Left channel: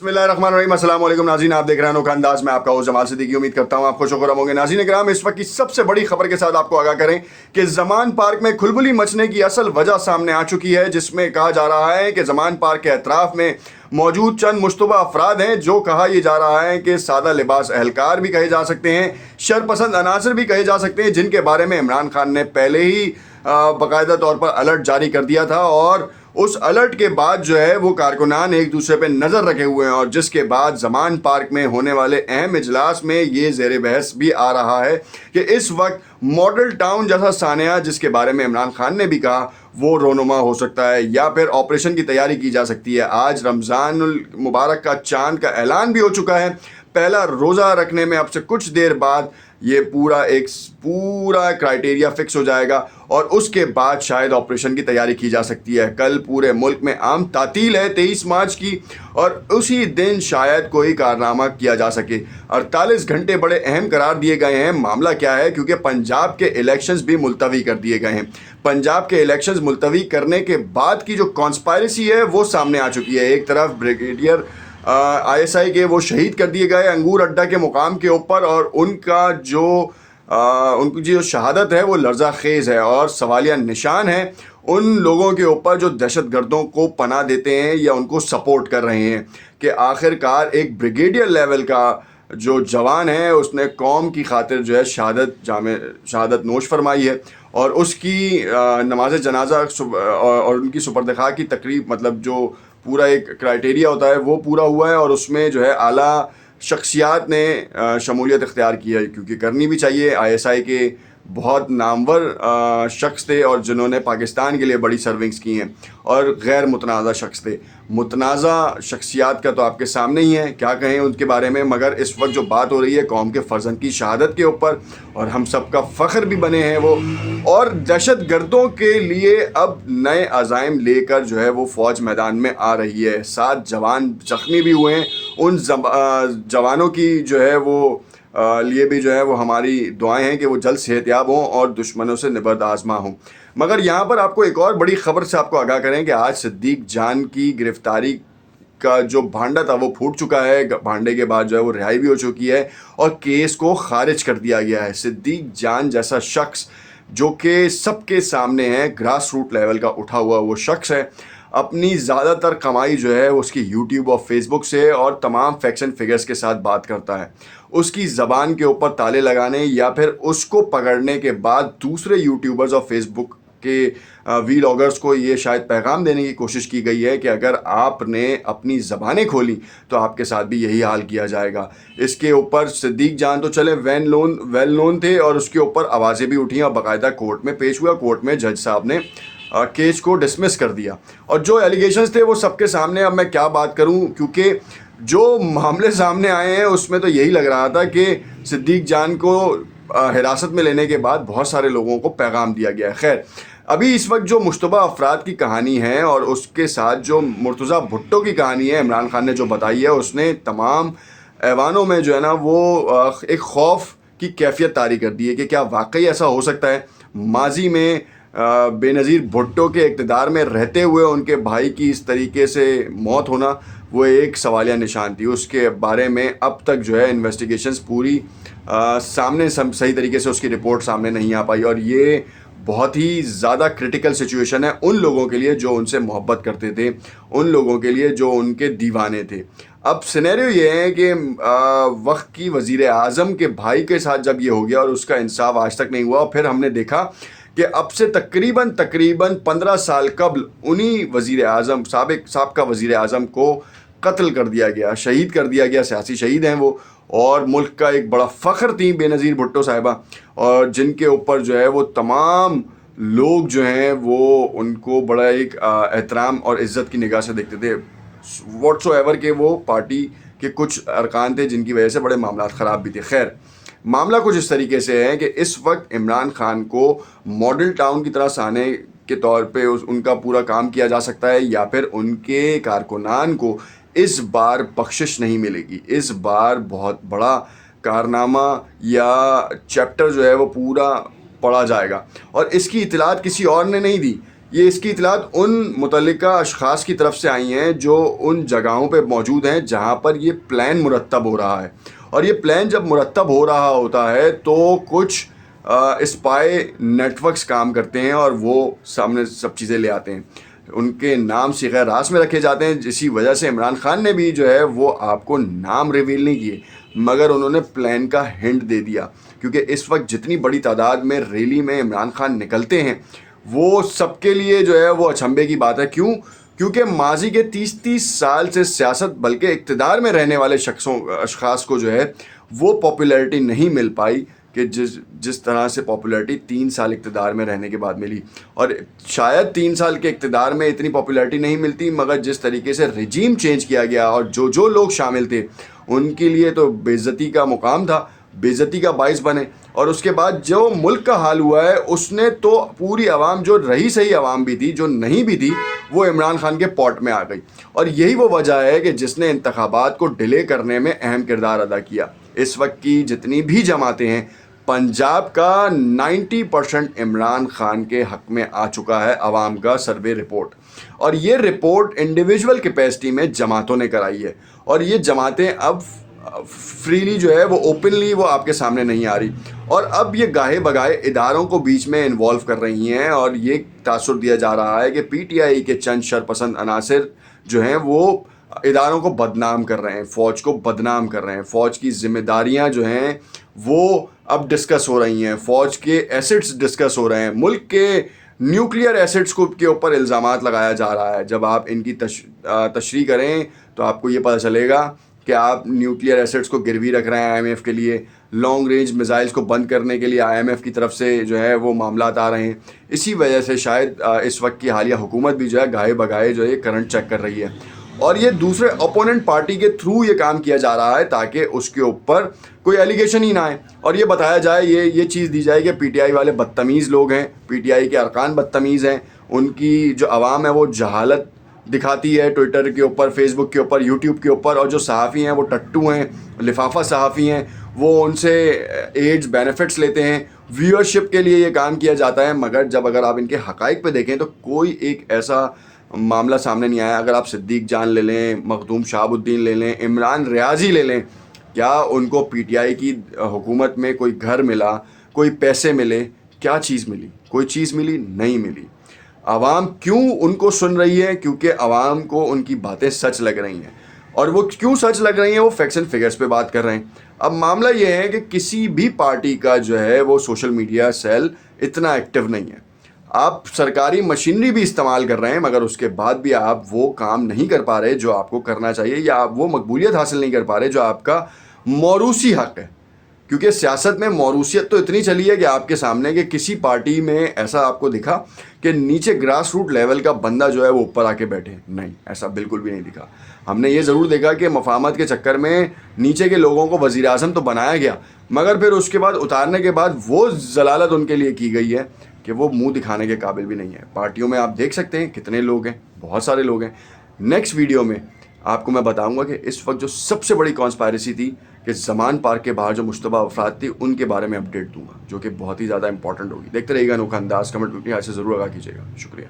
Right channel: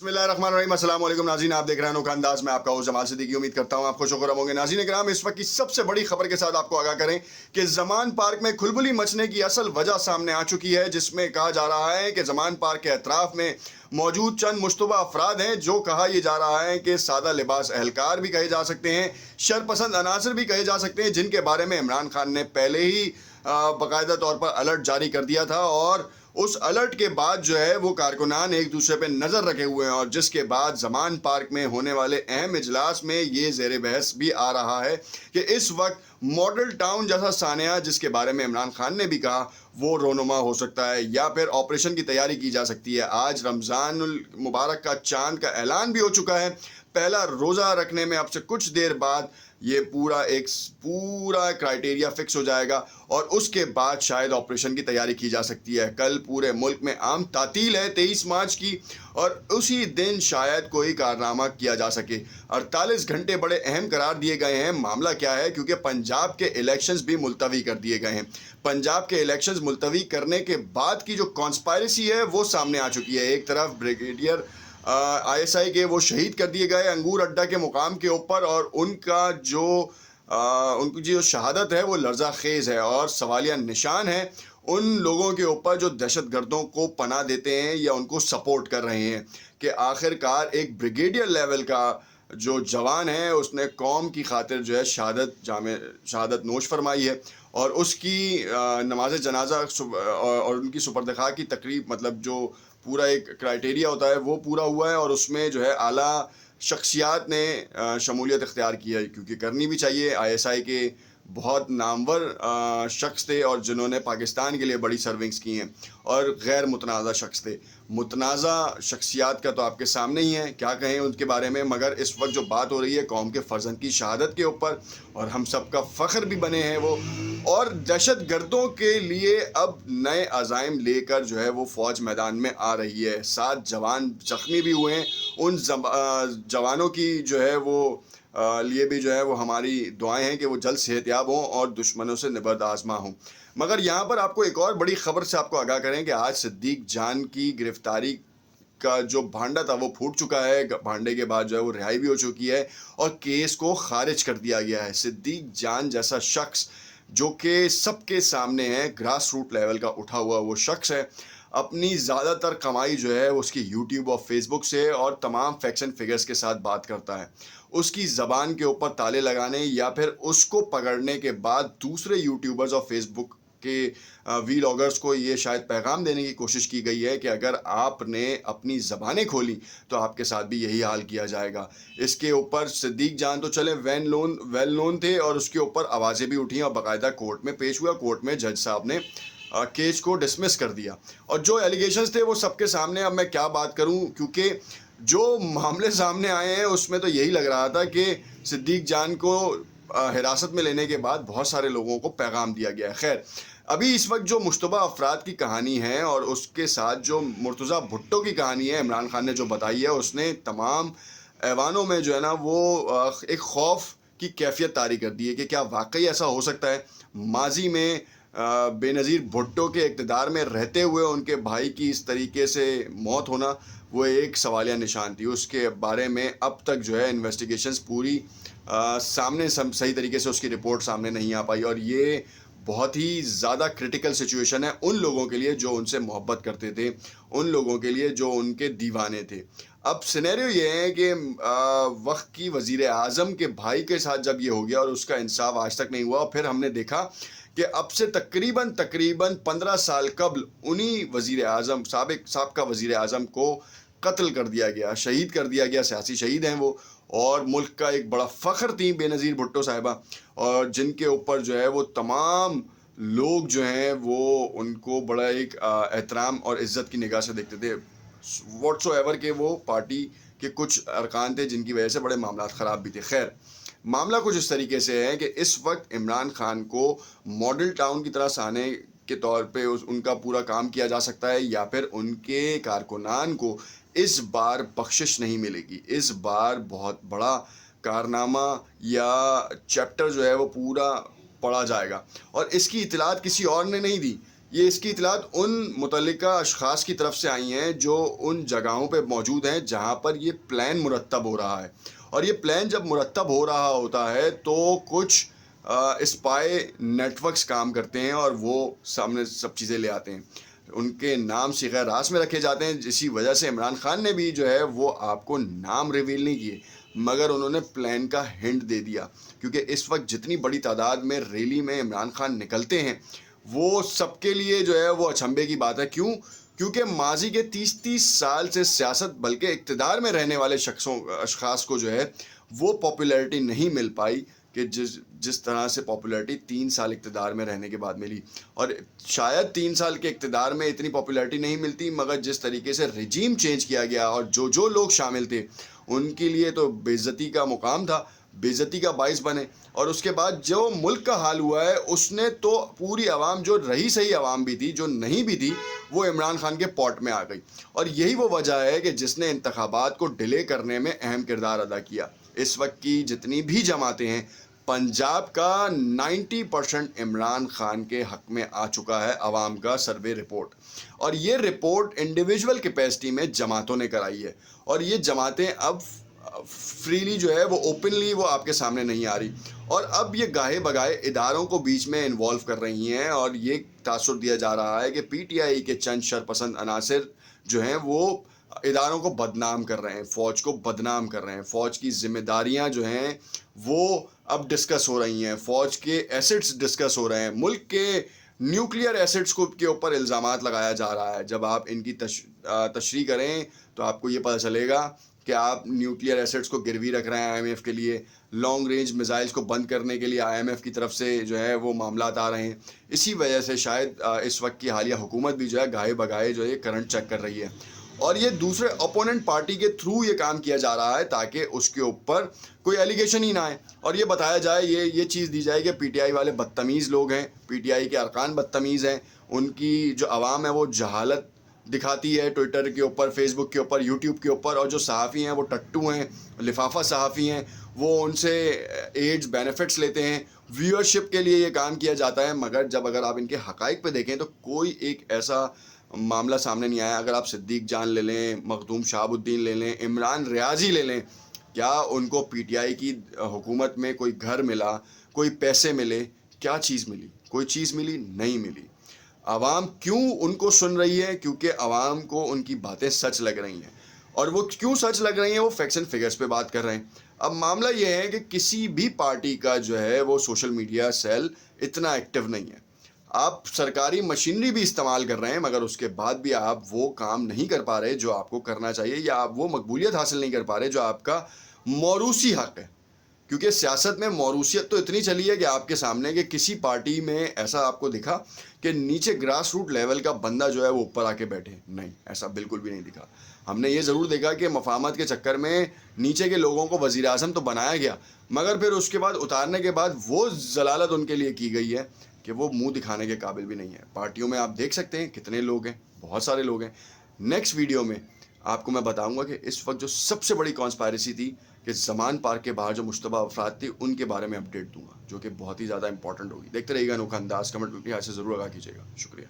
बिस्मिल्लाहिर्रहमानिर्रहीम। अस्सलाम वालेकुम नाज़रीन, आप देख रहे हैं अनोखा अंदाज में आपका होस्ट जमाल सिद्दीकी। उम्मीद करता हूँ आप खुश होकर होंगे। नाज़रीन किराम, इस वक्त की सबसे बड़ी खबर के साथ आपको आगाह करें कि ज़मान पार्क में खुलबुली मचने की असल वजह सामने आ चुकी है, जिसमें कहा जा रहा है कि ज़मान पार्क के अतराफ में मौजूद चंद मुश्तबा अफराद हैं, जो कहा यह जा रहा है कि सादा लिबास एहलकार भी कहे जा सकते हैं, शरपसंद अनासर भी कहे जा सकते हैं, जिनके बारे में इमरान खान ने पहले ही बाकायदा तौर पर अलर्ट जारी कर दिया था। और उस अलर्ट के बाद जो है वो कारकुनान एक दूसरे पे नज़र रखे हुए हैं, और जिसके बाद ज़मान पार्क में होने वाले अहम इजलास में ये ज़ेर बहस भी आ रहा है कि इस वक्त मॉडल टाउन जैसा सानिया, जिसके बारे में इमरान खान ने भी कहा, वो रोनुमा हो सकता है या फिर ऑपरेशन की तैयारी की जा सकती है। आज रमज़ानुल मुबारक का चांद का ऐलान भी हो चुका है। पहला रोज़ा रखने में अब से कुछ देर बाद ये पूरा क्राइटेरिया फिक्स हो जाएगा, और उसके बाद शायद ऑपरेशन की तैयारी की जा सकती है। कल पूरे मुल्क में आम तातील है 23 मार्च की, और उसी दिन शायद कोई कारनामा किया जा सके। 48 घंटे बड़े अहम करार दिए गए हैं। मामला क्या है, क्योंकि पंजाब के इलेक्शंस भी मुलतवी कर दिए गए हैं। पंजाब के इलेक्शंस मुलतवी करने के बाद की जो कॉन्स्पायरेसी है वो सामने आ चुकी है। एक तरफ ब्रिगेडियर ISI के वो शहीद कर दिए गए अंगूर अड्डा के मुकाम के ऊपर, और उनकी जो शहादत है वो लर्जा खेज़ है और सवालिया निशान है उन लोगों के ऊपर जो दहशतगर्दों को पनाह देते हैं या उनको सपोर्ट कर रहे हैं, कि आखिरकार एक ब्रिगेडियर लेवल का जो जवान है उसने कौम की खातिर जो है शहादत नोश फरमाई है, और उसकी नमाज जनाजा और उनकी सुपर्द-ए-खाक की तकरीब, मतलब जो पूरा एक क्राइटेरिया होता है वो पूरा हुआ है, और उसमें जो है आला शख्सियात ने शमूलियत इख्तियार की है, क्योंकि करनी भी चाहिए। ISI के बहुत नामवर शख्स थे और जिन्होंने पाकिस्तान के लिए बड़ी सर्विंग्स की हैं, और गैर मुतनाज़ा शख्स थे। मुतनाज़ा शख्सियात का तो आपके सामने ही है, क्या कहें उनके बारे में। मगर इस वक्त जो बात हो रही है कौम के फर्जंद की शहादत के ऊपर, और हम सब का फ़ख्र भी बने हैं वो, और दहशत गर्दों के लिए अब नए अज़ाइम लेकर जो है वो फ़ौज मैदान में आ रही है। 7 जवान ज़ख्मी भी हुए हैं। उन जवानों की जो है वो लिए भी जो है वो हमारी दुआएं हैं कि वो जल्द सेहतयाब हों और दुश्मनों से निबर्द आज़मा हों। मगर यहाँ पर आपको एक और बड़ी ख़बर से आपको आगाह करें कि आज सिद्दीक जान की गिरफ़्तारी का जो भांडा था वो फूट चुका है। भांडे के बाद जो है वो रिहाई भी हो चुकी है, और केस को खारिज कर दिया गया है। सिद्दीक जान जैसा शख्स जो कि सबके सामने है, ग्रास रूट लेवल का उठा हुआ वो शख्स है, अपनी ज़्यादातर कमाई जो है उसकी यूट्यूब और फेसबुक से और तमाम फैक्ट्स एंड फिगर्स के साथ बात करता है। उसकी ज़बान के ऊपर ताले लगाने या फिर उसको पकड़ने के बाद दूसरे यूट्यूबर्स और फेसबुक के वीलॉगर्स को ये शायद पैगाम देने की कोशिश की गई है कि अगर आपने अपनी ज़बानें खोली तो आपके साथ भी यही हाल किया जाएगा। इसके ऊपर सिद्दीक जान तो चले वेल नोन थे, और उसके ऊपर आवाज़ें भी उठी और बाकायदा कोर्ट में पेश हुआ। कोर्ट में जज साहब ने केस को डिसमिस कर दिया, और जो एलिगेशंस थे वो सबके सामने। अब मैं क्या बात करूं, क्योंकि जो मामले सामने आए हैं उसमें तो यही लग रहा था कि सिद्दीक जान को हिरासत में लेने के बाद बहुत सारे लोगों को पैगाम दिया गया है। खैर, अभी इस वक्त जो मुश्तबा अफराद की कहानी है और उसके साथ जो मुर्तज़ा भुट्टो की कहानी है, इमरान खान ने जो बताई है, उसने तमाम ऐवानों में जो है ना वो एक खौफ की कैफियत तारी कर दी है कि क्या वाकई ऐसा हो सकता है। माजी में बेनज़ीर भुट्टो के इक़्तिदार में रहते हुए उनके भाई की इस तरीके से मौत होना वो एक सवालिया निशान थी। उसके बारे में अब तक जो है इन्वेस्टिगेशंस पूरी सामने सही तरीके से उसकी रिपोर्ट सामने नहीं आ पाई, और ये बहुत ही ज़्यादा क्रिटिकल सिचुएशन है उन लोगों के लिए जो उनसे मोहब्बत करते थे, उन लोगों के लिए जो उनके दीवाने थे। अब सिनेरियो ये है कि वक्त की वज़ीर आज़म के भाई के साथ जब ये हो गया और उसका इंसाफ आज तक नहीं हुआ, और फिर हमने देखा कि अब से तकरीबन 15 साल कबल उन्हीं वज़ीर आज़म साबिक़ा वज़ीर आज़म को कत्ल कर दिया गया, शहीद कर दिया गया। सियासी शहीद हैं वो, और मुल्क का एक बड़ा फ़ख्र थी बेनज़ीर भुट्टो साहिबा, और जिनके ऊपर जो है वो तमाम लोग जो हैं वो उनको बड़ा एक एहतराम और इज़्ज़त की निगाह से देखते थे। व्हाट्सोएवर के वो पार्टी के कुछ अरकान थे जिनकी वजह से बड़े मामला ख़राब भी थे। खैर, मामला कुछ इस तरीके से है कि इस वक्त इमरान खान को मॉडल टाउन की तरह साने के तौर पे उनका पूरा काम किया जा सकता है, या फिर उनके कारकुनान को इस बार बख्शिश नहीं मिलेगी। इस बार बहुत बड़ा कारनामा या चैप्टर जो है वो पूरा पढ़ा जाएगा, और इसकी इतलात किसी और ने नहीं दी। یہ اس کی اطلاعات ان متعلقہ اشخاص کی طرف سے آئی ہیں جو ان جگہوں پہ موجود ہیں جہاں پر یہ پلان مرتب ہو رہا ہے. اور یہ پلان جب مرتب ہو رہا ہوتا ہے تو کچھ اسپائی نیٹ ورکس کام کرتے ہیں اور وہ سامنے سب چیزیں لے آتے ہیں. ان کے نام صیغہ راست میں رکھے جاتے ہیں. اسی وجہ سے عمران خان نے بھی جو ہے وہ آپ کو نام ریویل نہیں کیے مگر انہوں نے پلان کا ہنٹ دے دیا. کیونکہ اس وقت جتنی بڑی تعداد میں ریلی میں عمران خان نکلتے ہیں وہ سب کے لیے جو ہے وہ اچنبھے کی بات ہے. کیوں؟ کیونکہ ماضی کے 30 سال سے سیاست بلکہ اقتدار میں رہنے والے اشخاص کو جو ہے وہ پاپولیرٹی نہیں مل پائی کہ جس طرح سے پاپولیرٹی 3 سال اقتدار میں رہنے کے بعد ملی. اور شاید 3 سال کے اقتدار میں اتنی پاپولیرٹی نہیں ملتی مگر جس طریقے سے رجیم چینج کیا گیا اور جو لوگ شامل تھے ان کے لیے تو بے عزتی کا مقام تھا, بے عزتی کا باعث بنے. اور اس کے بعد جو ملک کا حال ہوا ہے اس نے تو پوری عوام, جو رہی صحیح عوام بھی تھی جو نہیں بھی تھی, وہ عمران خان کے پاٹ میں آ گئی. اور یہی وہ وجہ ہے کہ جس نے انتخابات کو ڈیلے کرنے میں اہم کردار ادا کیا. اس وقت کی جتنی بھی جماعتیں ہیں پنجاب کا 90% عمران خان کے حق میں آ چکا ہے. عوام کا سروے رپورٹ, اور یہ رپورٹ انڈیویجول کیپیسٹی میں جماعتوں نے کرائی ہے. اور یہ جماعتیں اب فریلی جو ہے وہ اوپنلی وہ آپ کے سامنے نہیں آ رہی, اور اب یہ گاہے بگاہے اداروں کو بیچ میں انوالو کر رہی ہیں. اور یہ تاثر دیا جا رہا ہے کہ پی ٹی آئی کے چند شرپسند عناصر جو ہیں وہ اداروں کو بدنام کر رہے ہیں, فوج کو بدنام کر رہے ہیں. فوج کی ذمہ داریاں جو ہیں وہ اب ڈسکس ہو رہی ہیں, فوج کے ایسٹس ڈسکس ہو رہے ہیں, ملک کے نیوکلیئر ایسٹس کے اوپر الزامات لگایا جا رہا ہے. جب آپ ان کی تشریح کریں تو آپ کو یہ پتہ چلے گا کہ آپ نیوکلیئر ایسٹس کو گروی رکھ رہے ہیں آئی ایم ایف کے لیے. لانگ رینج میزائلز کو بند کرنے کے لیے آئی ایم ایف کی طرف سے جو ہے وہ معاملات آ رہے ہیں. اسی وجہ سے شاید اس وقت کی حالیہ حکومت بھی جو ہے گاہے بگاہے جو ہے کرنٹ چیک کر رہی ہے, اور یہ دوسرے اپوننٹ پارٹی کے تھرو یہ کام کیا جا رہا ہے تاکہ اس کے اوپر کوئی ایلیگیشن ہی نہ آئے اور یہ بتایا جائے, یہ چیز دی جائے کہ پی ٹی آئی والے بدتمیز لوگ ہیں, پی ٹی آئی کے ارکان بدتمیز ہیں, ان کی جو عوام ہے وہ جہالت دکھاتی ہے ٹویٹر کے اوپر, فیس بک کے اوپر, یوٹیوب کے اوپر, اور جو صحافی ہیں وہ ٹٹو ہیں, لفافہ صحافی ہیں, وہ ان سے ایڈز بینیفٹس لیتے ہیں, ویورشپ کے لیے یہ کام کیا جاتا ہے. مگر جب اگر آپ ان کے حقائق پہ دیکھیں تو کوئی ایک ایسا معاملہ سامنے نہیں آیا. اگر آپ صدیق جان لے لیں, مخدوم شہاب الدین لے لیں, عمران ریاضی لے لیں, کیا ان کو پی ٹی آئی کی حکومت میں کوئی گھر ملا, کوئی پیسے ملے, کیا چیز ملی؟ کوئی چیز ملی نہیں ملی. عوام کیوں ان کو سن رہی ہے؟ کیونکہ عوام کو ان کی باتیں سچ لگ رہی ہیں, اور وہ کیوں سچ لگ رہی ہیں؟ وہ فیکٹس اینڈ فگرز پہ بات کر رہے ہیں. اب معاملہ یہ ہے کہ کسی بھی پارٹی کا جو ہے وہ سوشل میڈیا سیل اتنا ایکٹیو نہیں ہے. آپ سرکاری مشینری بھی استعمال کر رہے ہیں مگر اس کے بعد بھی آپ وہ کام نہیں کر پا رہے جو آپ کو کرنا چاہیے, یا آپ وہ مقبولیت حاصل نہیں کر پا رہے جو آپ کا موروثی حق ہے. کیونکہ سیاست میں موروثیت تو اتنی چلی ہے کہ آپ کے سامنے کہ کسی پارٹی میں ایسا آپ کو دکھا کہ نیچے گراس روٹ لیول کا بندہ جو ہے وہ اوپر آ کے بیٹھے؟ نہیں, ایسا بالکل بھی نہیں دکھا. ہم نے یہ ضرور دیکھا کہ مفاہمت کے چکر میں نیچے کے لوگوں کو وزیر اعظم تو بنایا گیا مگر پھر اس کے بعد اتارنے کے بعد وہ ضلالت ان کے لیے کی گئی ہے کہ وہ منہ دکھانے کے قابل بھی نہیں ہے. پارٹیوں میں آپ دیکھ سکتے ہیں کتنے لوگ ہیں, بہت سارے لوگ ہیں. نیکسٹ ویڈیو میں آپ کو میں بتاؤں گا کہ اس وقت جو سب سے بڑی کانسپائریسی تھی کہ زمان پارک کے باہر جو مشتبہ افراد تھی ان کے بارے میں اپڈیٹ دوں گا جو کہ بہت ہی زیادہ امپورٹنٹ ہوگی. دیکھتے رہیے گا انوکھا انداز. کمنٹ میں اپنی رائے سے ضرور آگاہ کیجیے گا. شکریہ.